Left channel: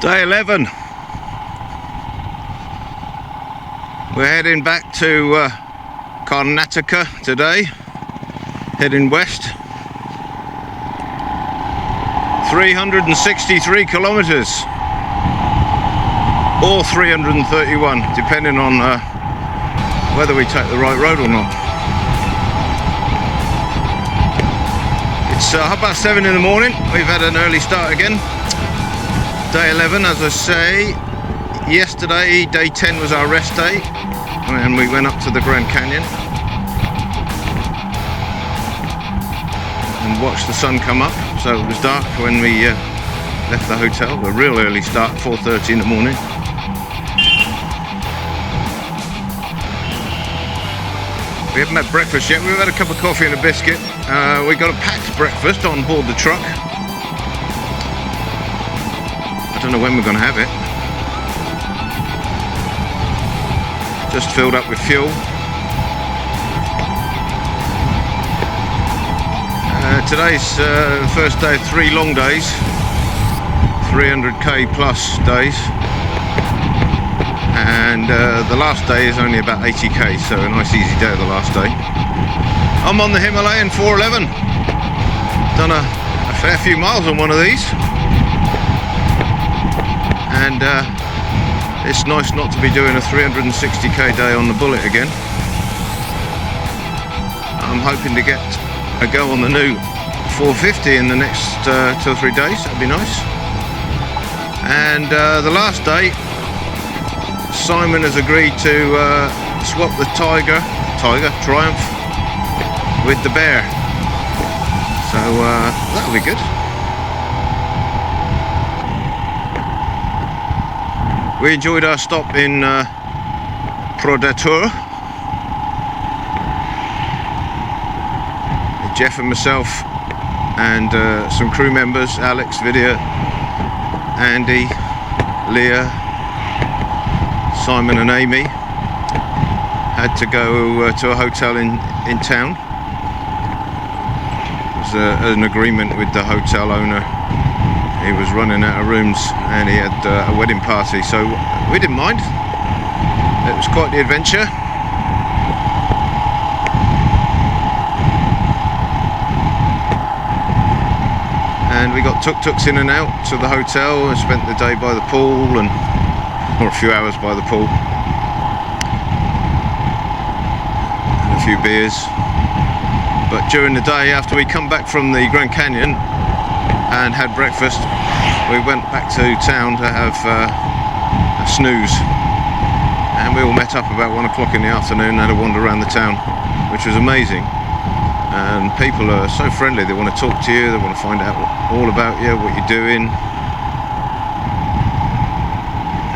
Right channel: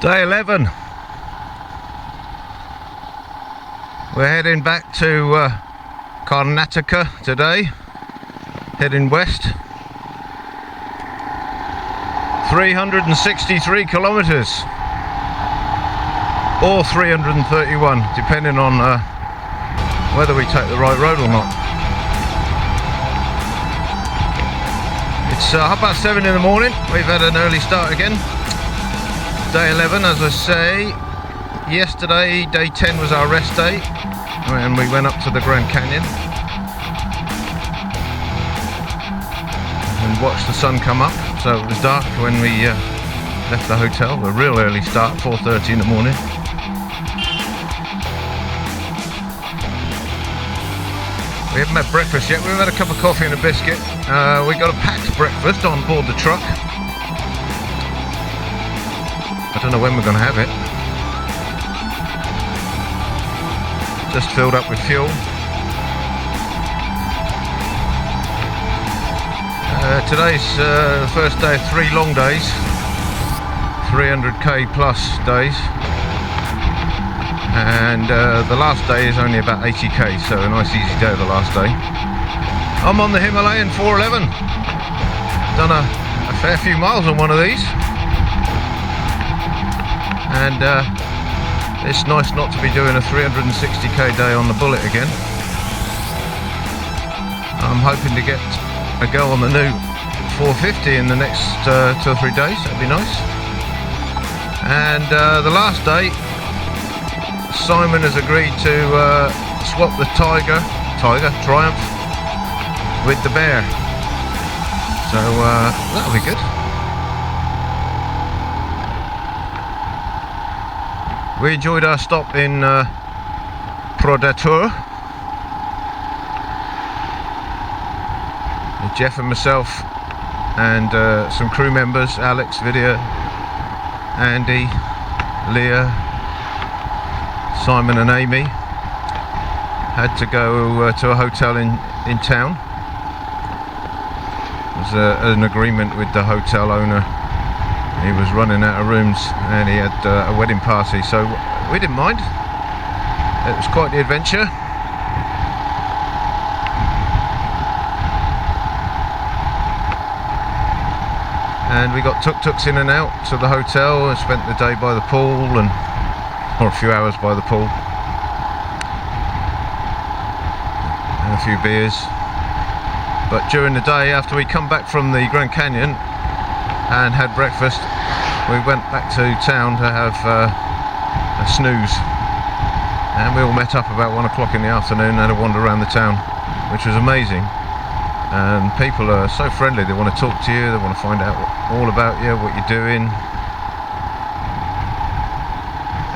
Day 11. We're heading back to Karnataka today, heading west. 363 kilometers or 331, depending on whether we take the right road or not. It's 7:30 in the morning. We've had an early start again. Day 11, as I say. Yesterday, day 10 was our rest day, and we went up to the Grand Canyon and watched the sun come up. So it was dark when we left the hotel. A real early start, 4:30 in the morning. We haven't had breakfast yet. We've had a cup of coffee and a biscuit. We got a packed breakfast on board the truck. I don't know when we're going to have it. Just filled up with fuel. Today's the first day of 3 long days, 300k plus days, and the last day is only about 80k, so a nice easy day the last day. I'm on the Himalayan 411. Done a fair few miles on one of these, and it's nice not to be doing a 360k day on the Bullet again. I'm hoping to get a go on the new 450 in the next 2 or 3 days. That'd be nice. And the last day, Simon has agreed to swap the Tiger Triumph with the Bear, so that'll be good. We enjoyed our stop in Prodatur. Jeff and myself and some crew members, Alex, Vidya, Andy, Leah, Simon and Amy, had to go to a hotel in town. It was an agreement with the hotel owner. He was running out of rooms and he had a wedding party, so we didn't mind. It was quite the adventure. And we got tuk-tuks in and out to the hotel and spent the day by the pool, or a few hours by the pool, and a few beers. But during the day, after we come back from the Grand Canyon and had breakfast, we went back to town to have a snooze, and we all met up about 1 o'clock in the afternoon and had a wander around the town, which was amazing. And people are so friendly. They want to talk to you, they want to find out all about you, what you're doing.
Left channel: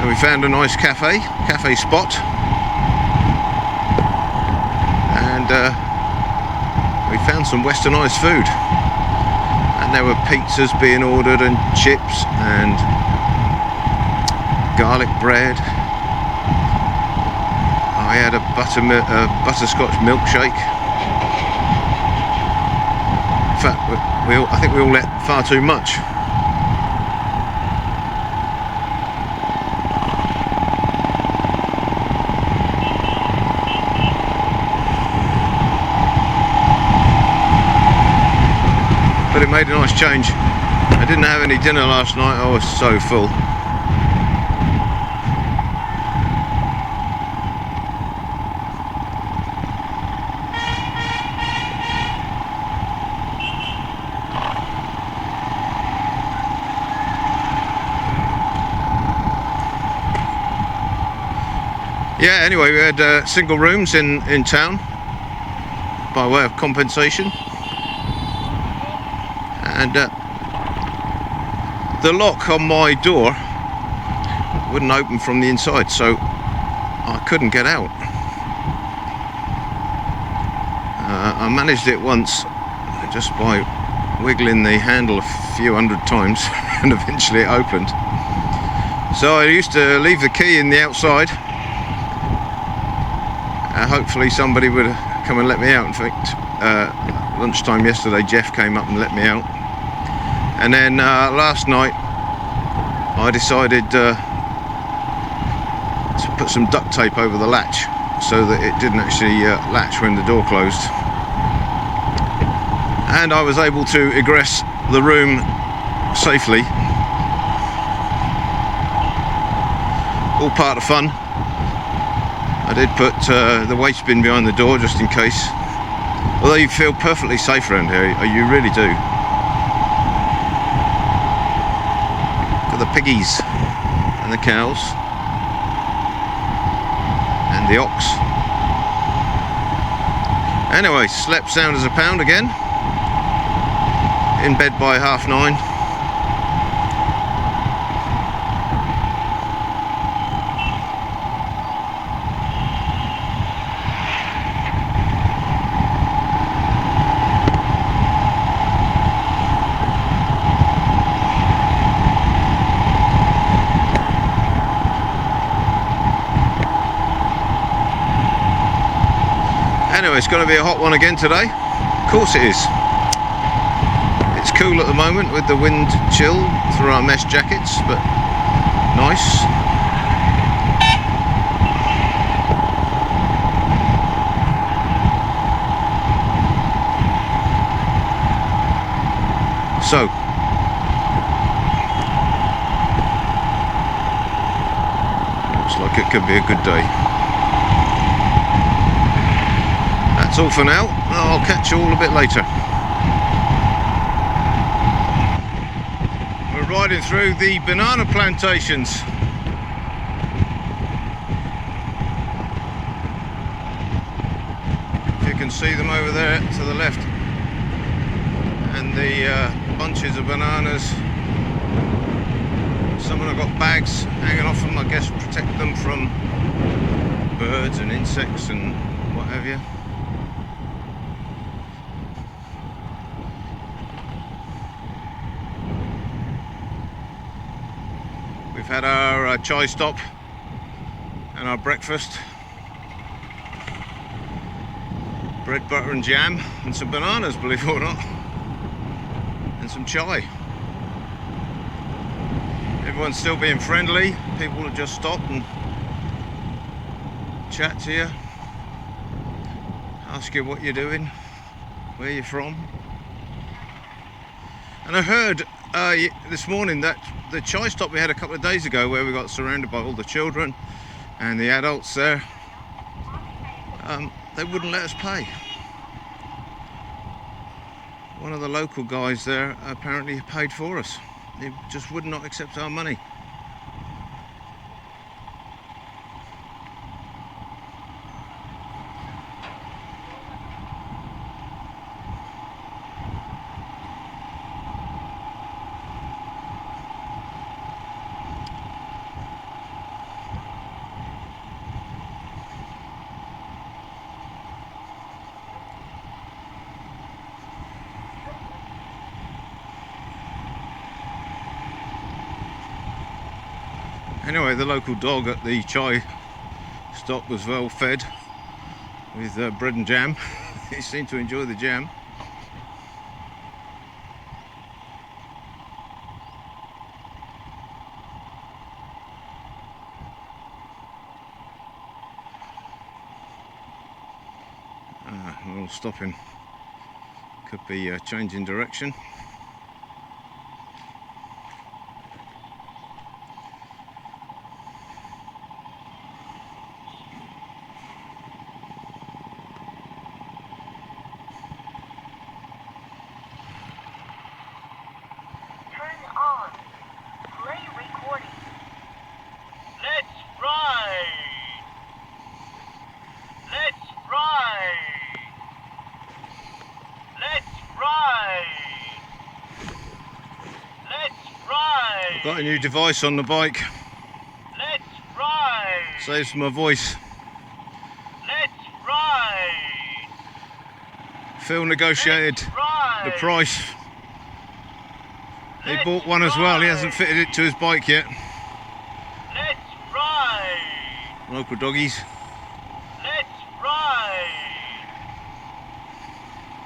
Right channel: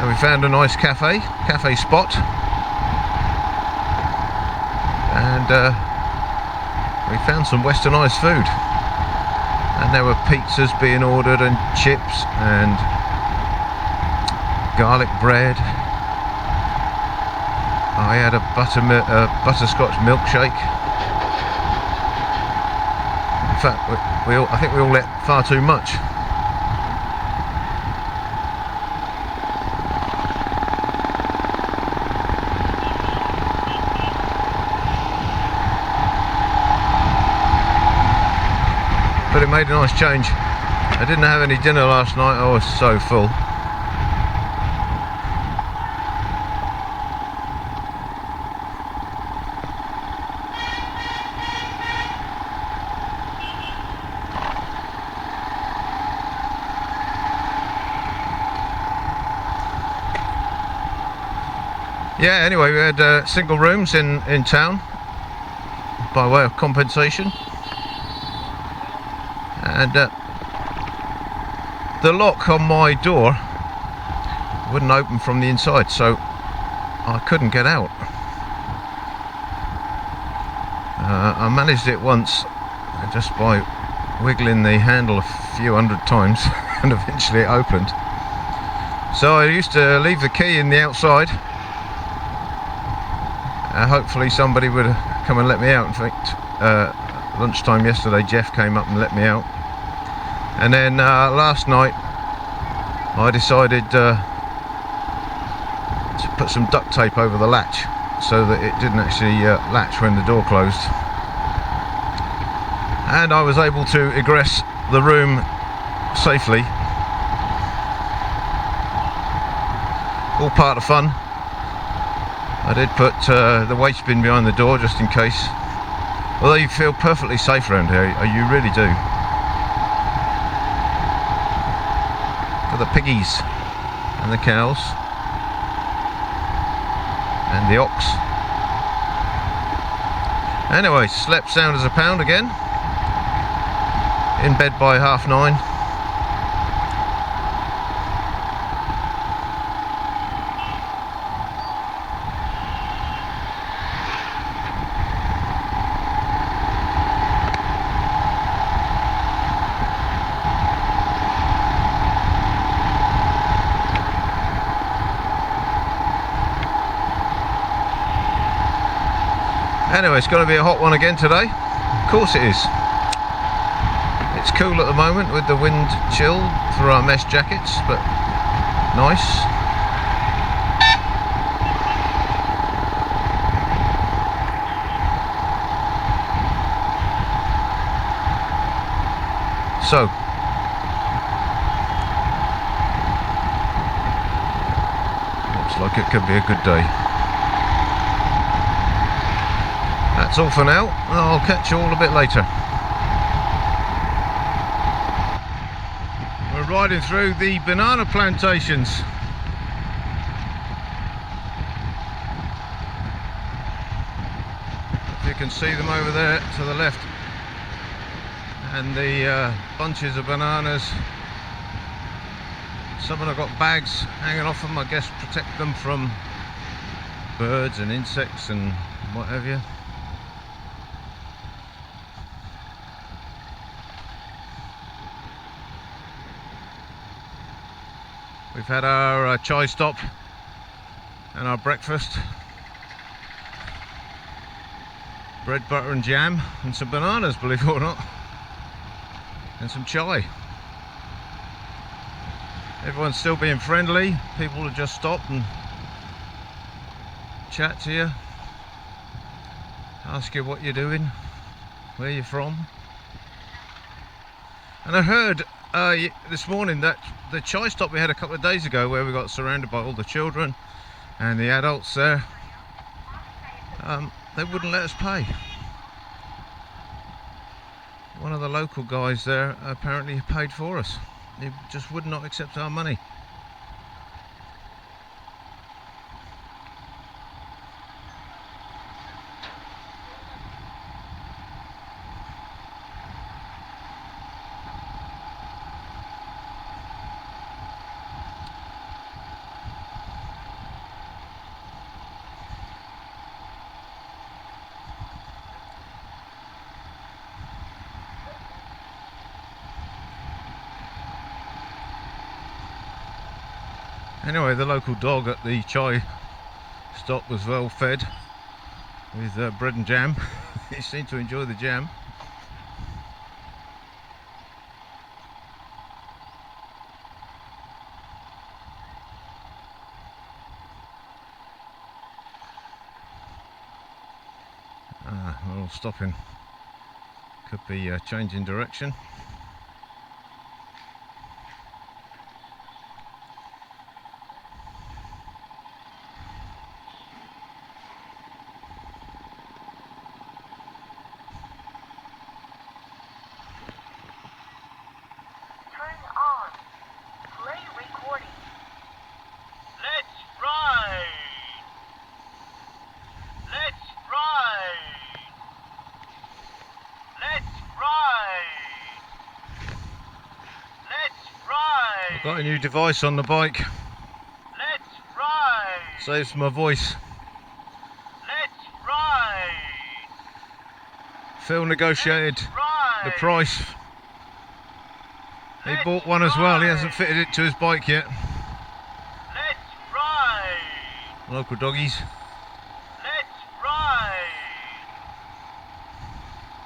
And we found a nice cafe spot, and we found some westernised food. And there were pizzas being ordered and chips and garlic bread. I had a butterscotch milkshake. In fact, I think we all ate far too much. But it made a nice change. I didn't have any dinner last night. I was so full. Yeah, anyway, we had single rooms in town by way of compensation, and the lock on my door wouldn't open from the inside, so I couldn't get out. I managed it once just by wiggling the handle a few hundred times and eventually it opened. So I used to leave the key in the outside. Hopefully somebody would come and let me out. In fact, lunchtime yesterday Jeff came up and let me out. And then last night I decided to put some duct tape over the latch so that it didn't actually latch when the door closed. And I was able to egress the room safely. All part of fun. I did put the waste bin behind the door just in case. Although you feel perfectly safe around here, you really do. Got the piggies and the cows and the ox. Anyway, slept sound as a pound again. In bed by 9:30. Anyway, it's going to be a hot one again today. Of course it is. It's cool at the moment with the wind chill through our mesh jackets, but nice. So, looks like it could be a good day. That's all for now. I'll catch you all a bit later. We're riding through the banana plantations. If you can see them over there to the left, and the bunches of bananas. Some of them have got bags hanging off them, I guess protect them from birds and insects and what have you. We've had our chai stop and our breakfast. Bread, butter and jam and some bananas, believe it or not. And some chai. Everyone's still being friendly. People have just stopped and chat to you. Ask you what you're doing, where you're from. And I heard this morning that the chai stop we had a couple of days ago, where we got surrounded by all the children and the adults there, they wouldn't let us pay. One of the local guys there apparently paid for us. He just would not accept our money. Anyway, the local dog at the chai stop was well fed with bread and jam. He seemed to enjoy the jam. We're all stopping. Could be changing direction. Got a new device on the bike. Let's ride. Saves my voice. Let's ride. Phil negotiated the price. He bought one as well. He hasn't fitted it to his bike yet. Let's ride. Local doggies. Let's ride.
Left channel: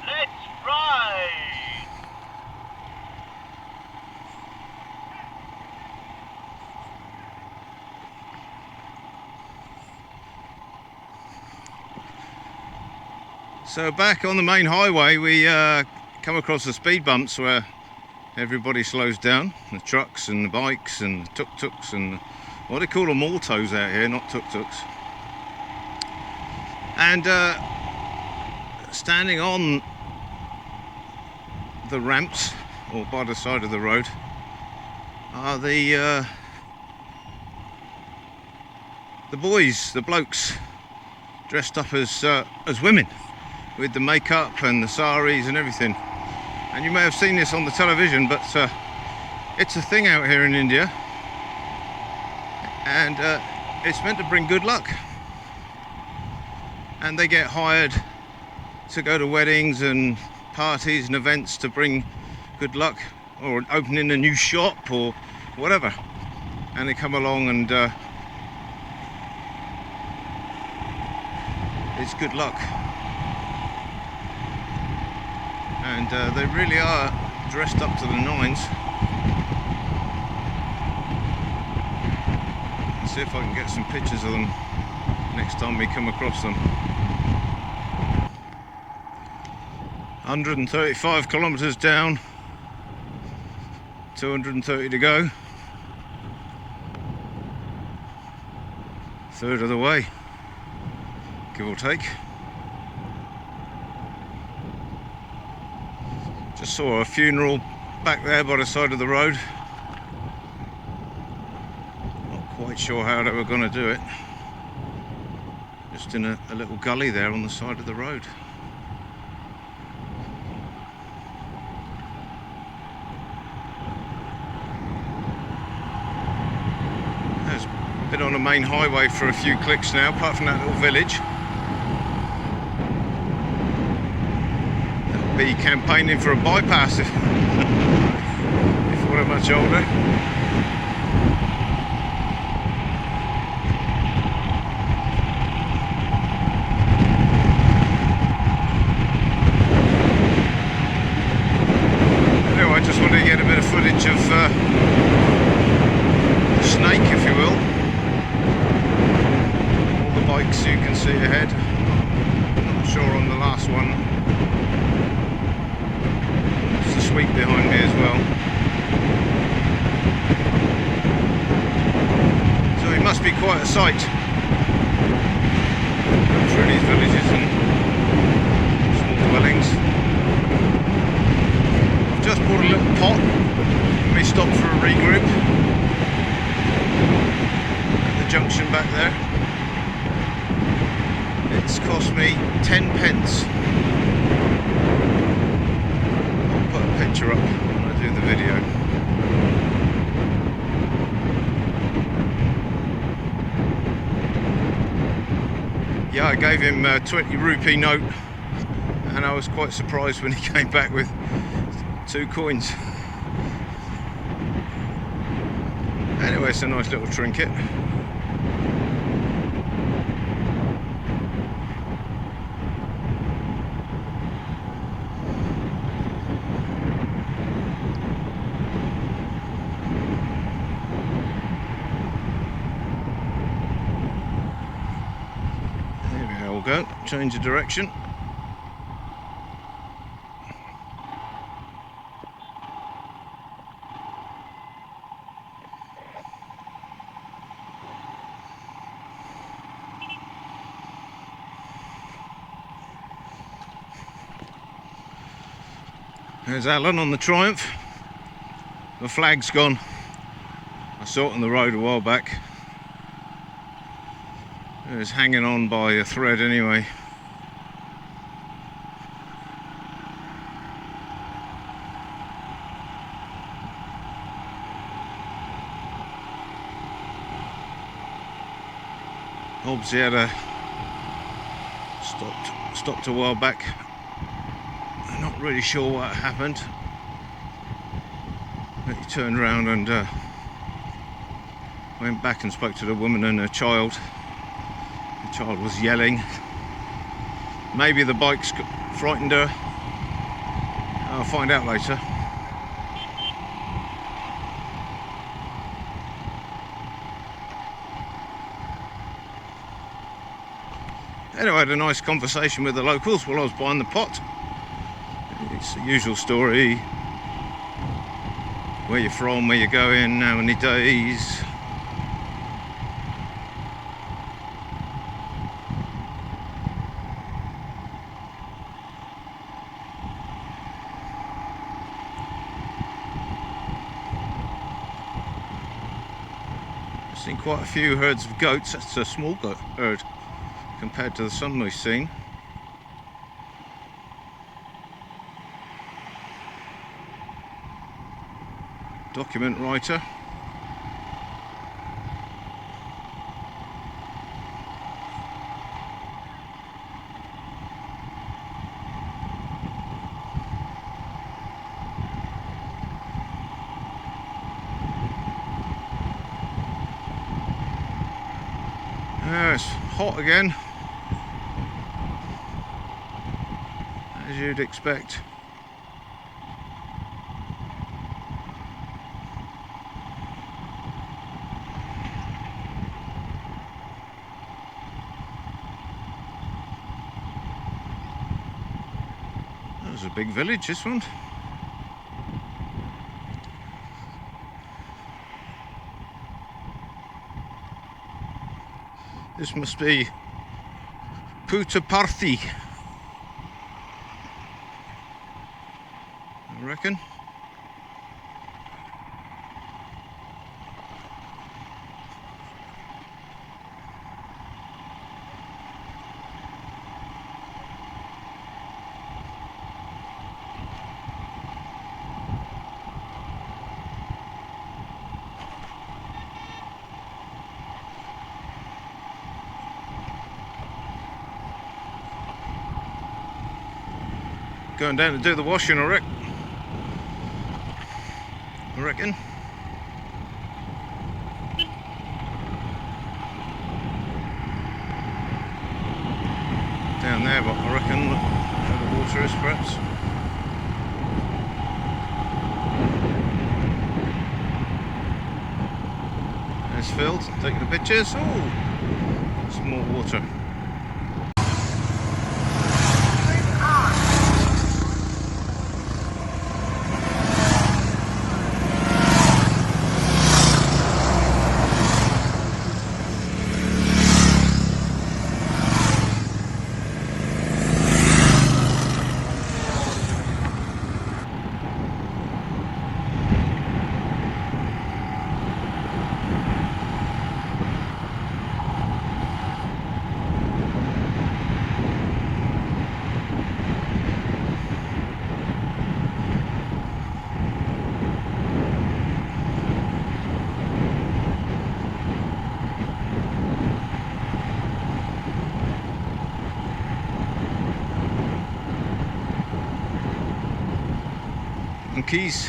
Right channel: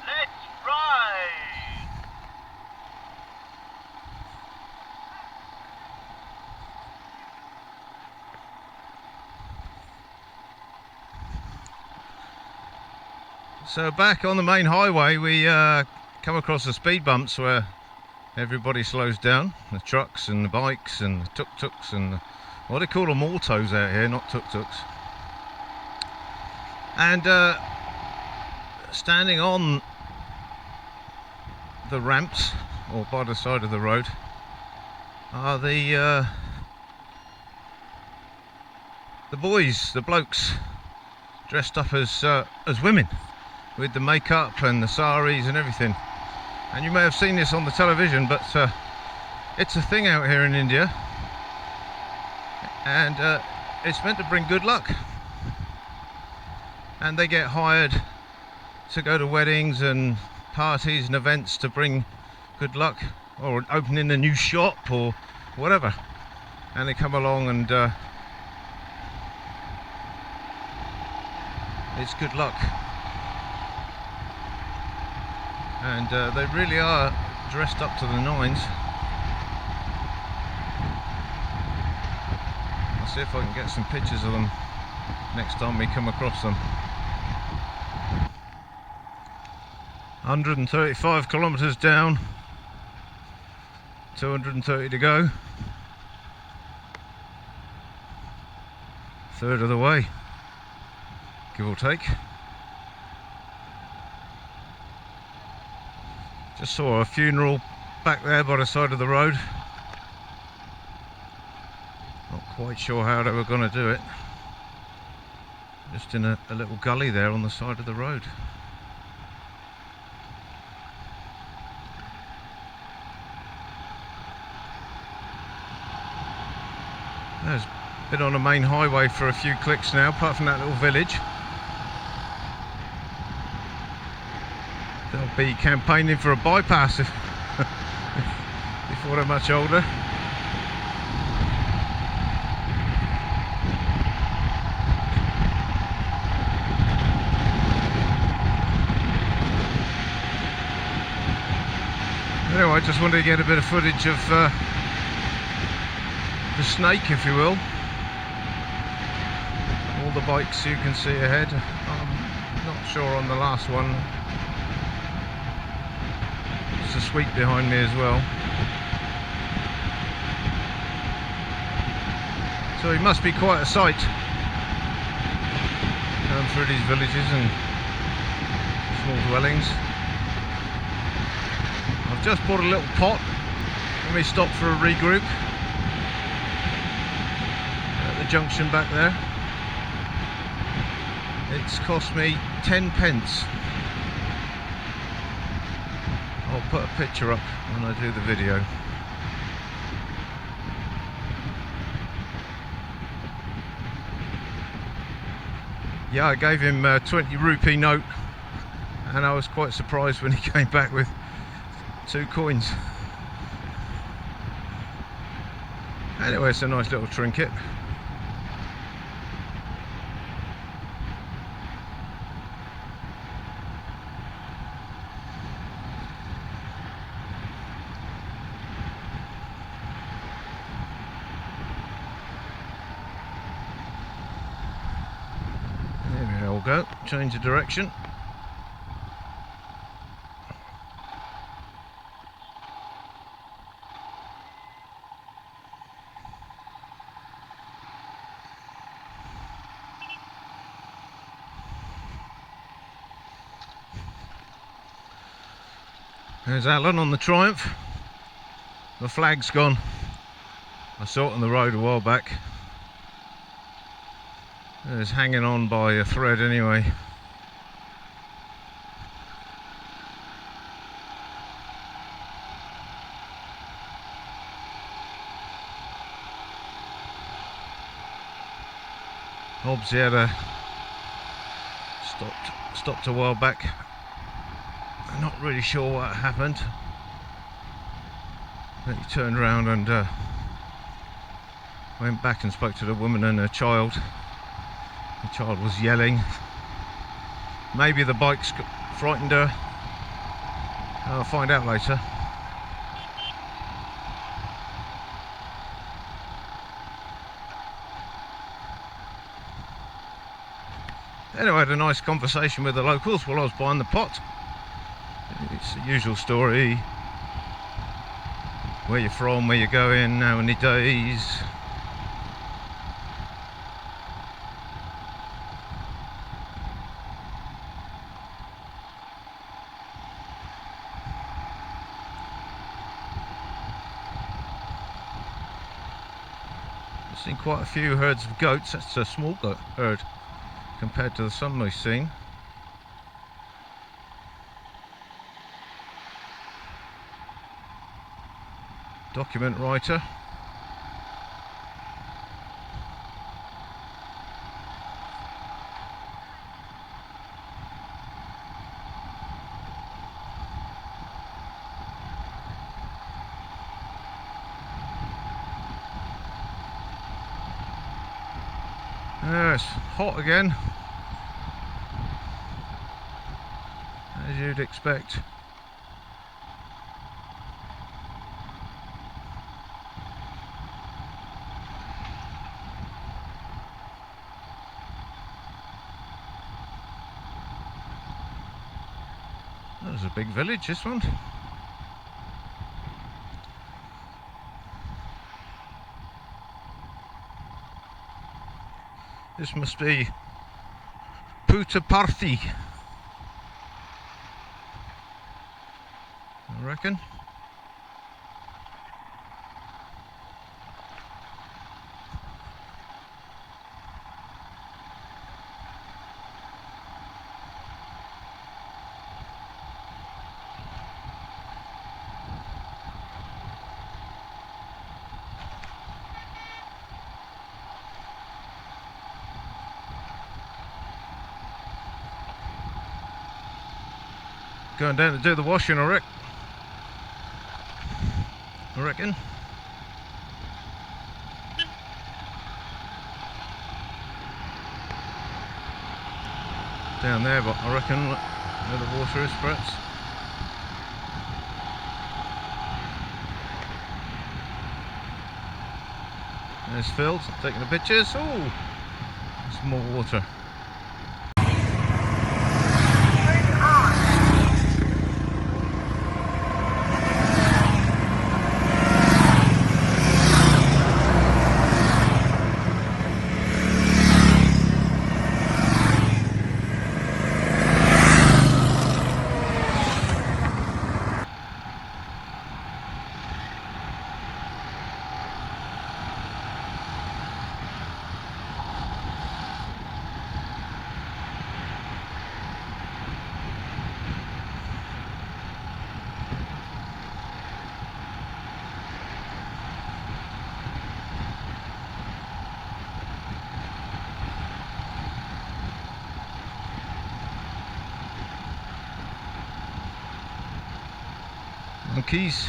Let's ride. So back on the main highway, we come across the speed bumps where everybody slows down. The trucks and the bikes and the tuk-tuks and what they call them, autos out here, not tuk-tuks. And standing on the ramps or by the side of the road are the boys, the blokes, dressed up as women, with the makeup and the saris and everything. And you may have seen this on the television, but it's a thing out here in India, and it's meant to bring good luck. And they get hired to go to weddings and parties and events to bring good luck, or opening a new shop or whatever. And they come along and it's good luck. And they really are dressed up to the nines. Let's see if I can get some pictures of them next time we come across them. 135 kilometers down, 230 to go. Third of the way, give or take. Just saw a funeral back there by the side of the road. Not quite sure how they were going to do it. Just in a little gully there on the side of the road. There's been on the main highway for a few clicks now, apart from that little village. Be campaigning for a bypass if we're much older. Anyway, I just wanted to get a bit of footage of the snake, if you will. All the bikes you can see ahead. I'm not sure on the last one. Sweep behind me as well. So it must be quite a sight going through these villages and small dwellings. I've just bought a little pot. Let me stop for a regroup at the junction back there. It's cost me 10 pence. Put a picture up when I do the video. Yeah, I gave him a 20 rupee note, and I was quite surprised when he came back with 2 coins. Anyway, it's a nice little trinket. Go, change of direction. There's Alan on the Triumph. The flag's gone. I saw it on the road a while back. It was hanging on by a thread anyway. Obviously had stopped a while back Not really sure what happened. But he turned around and went back and spoke to the woman and her child. The child was yelling. Maybe the bike's frightened her. I'll find out later. Anyway, I had a nice conversation with the locals while I was buying the pot. It's the usual story. Where you're from, where you're going, how many days. I've seen quite a few herds of goats. That's a small goat herd compared to the some we've seen. Document writer. It's hot again, as you'd expect. That was a big village, this one. This must be Puttaparthi, I reckon. Going down to do the washing, I reckon. Down there, but I reckon where the water is, perhaps. There's Phil taking the pictures. Oh, some more water. Monkeys.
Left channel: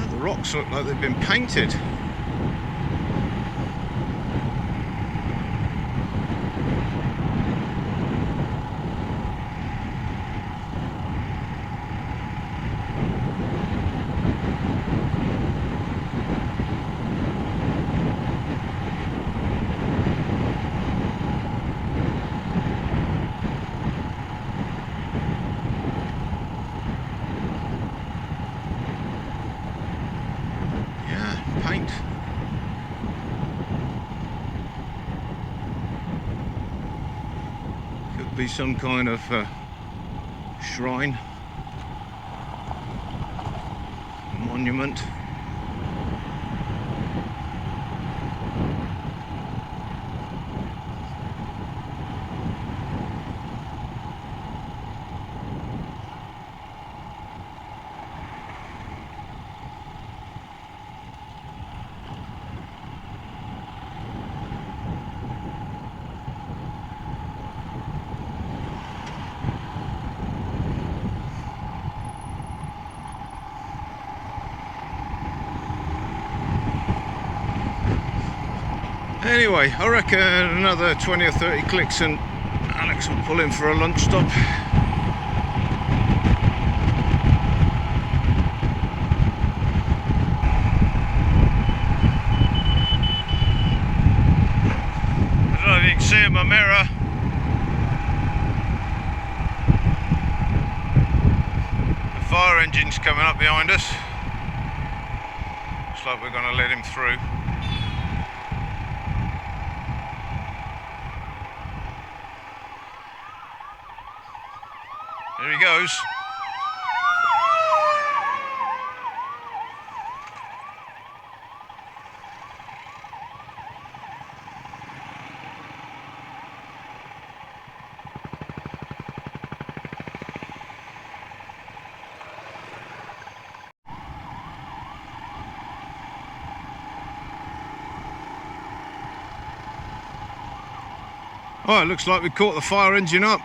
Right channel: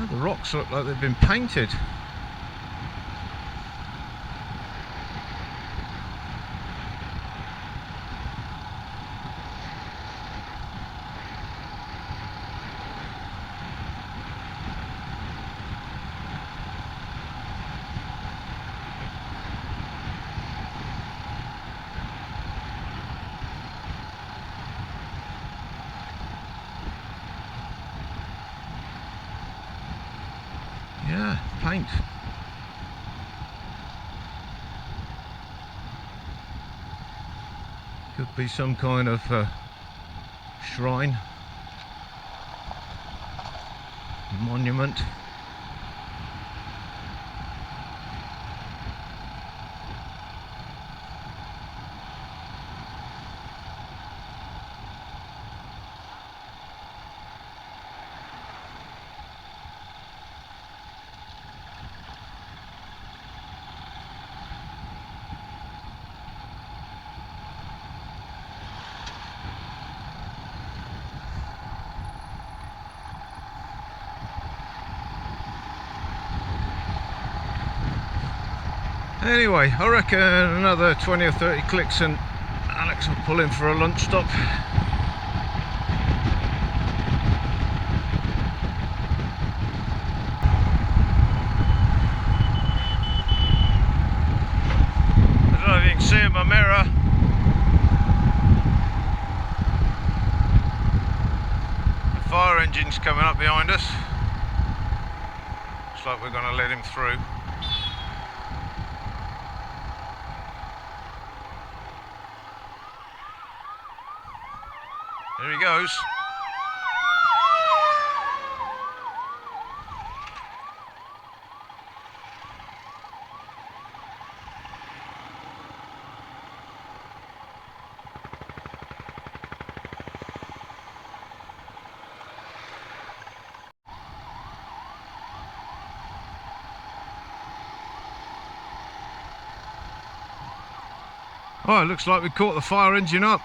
Oh, the rocks look like they've been painted. Paint. Could be some kind of shrine, monument. Anyway, I reckon another 20 or 30 clicks and Alex will pull in for a lunch stop. I don't know if you can see in my mirror. The fire engine's coming up behind us. Looks like we're going to let him through. There he goes. Oh, it looks like we caught the fire engine up.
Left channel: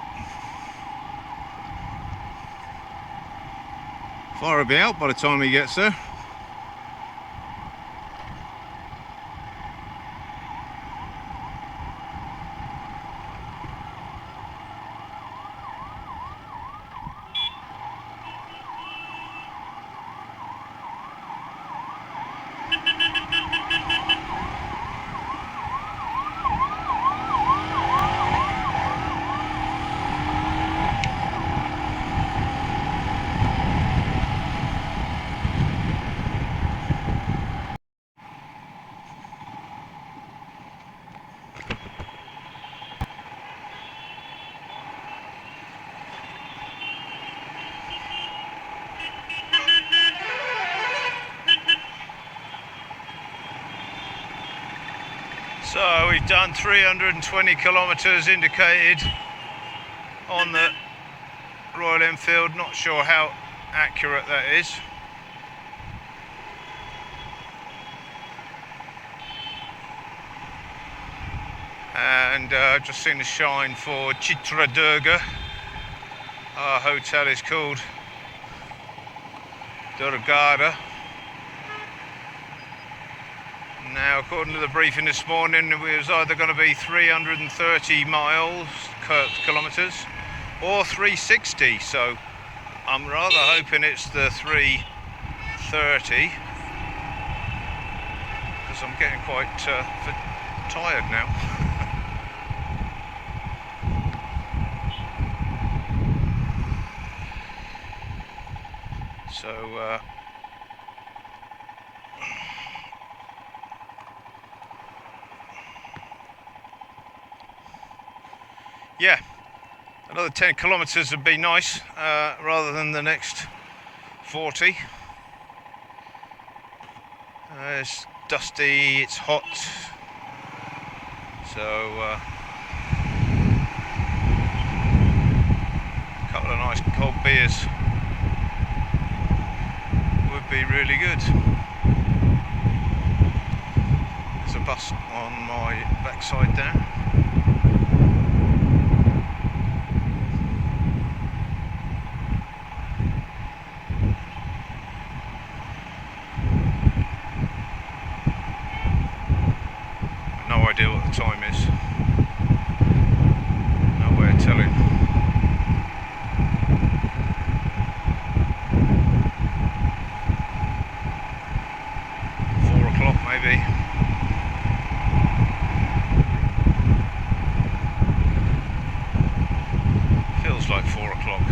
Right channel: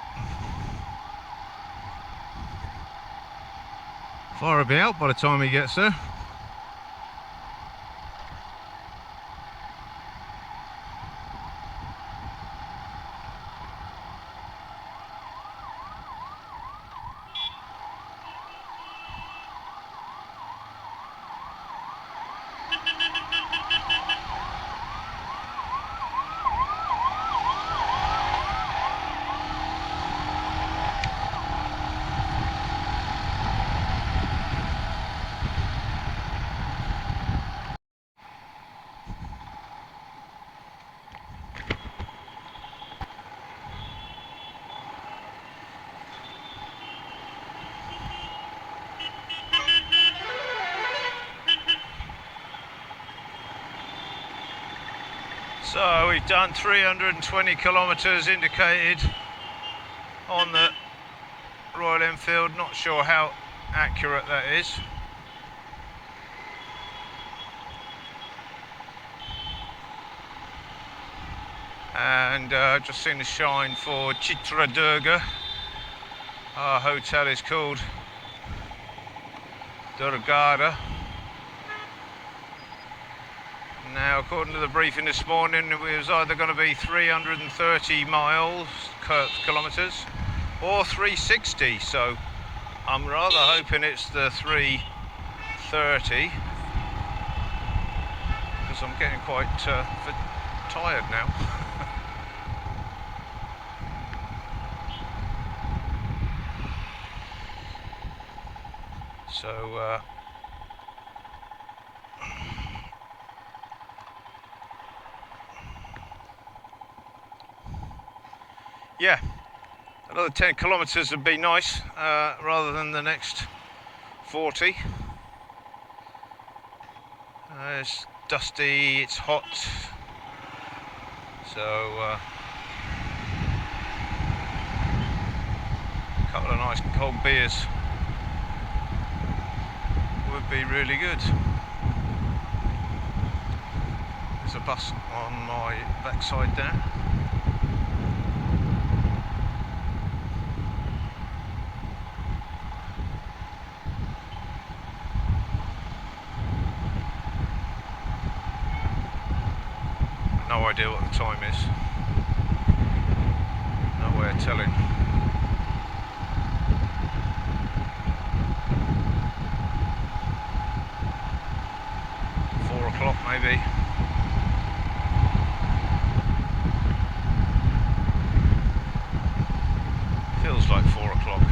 Fire will be out by the time he gets there. So we've done 320 kilometres indicated on the Royal Enfield. Not sure how accurate that is. And I've just seen the sign for Chitradurga. Our hotel is called Durgada. Now, according to the briefing this morning, it was either going to be 330 kilometres or 360, so I'm rather hoping it's the 330 because I'm getting quite tired now. So yeah, another 10 kilometres would be nice, rather than the next 40. It's dusty, it's hot, so a couple of nice cold beers would be really good. There's a bus on my backside there. No idea what the time is. No way of telling. O'clock maybe. Feels like 4 o'clock.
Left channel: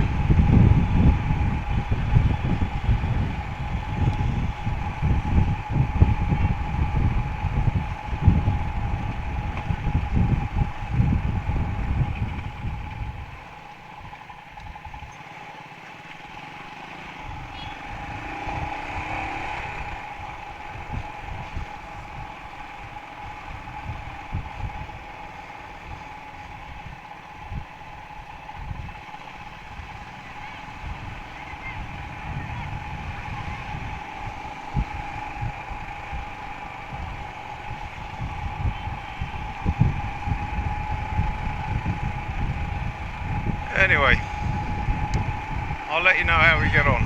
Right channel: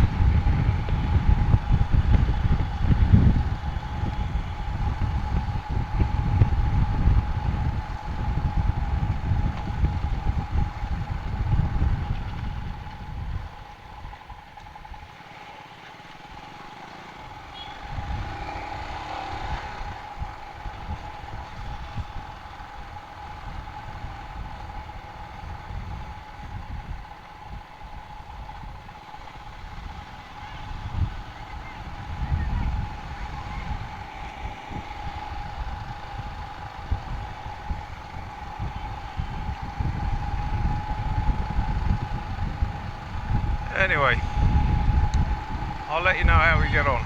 Anyway, I'll let you know how we get on.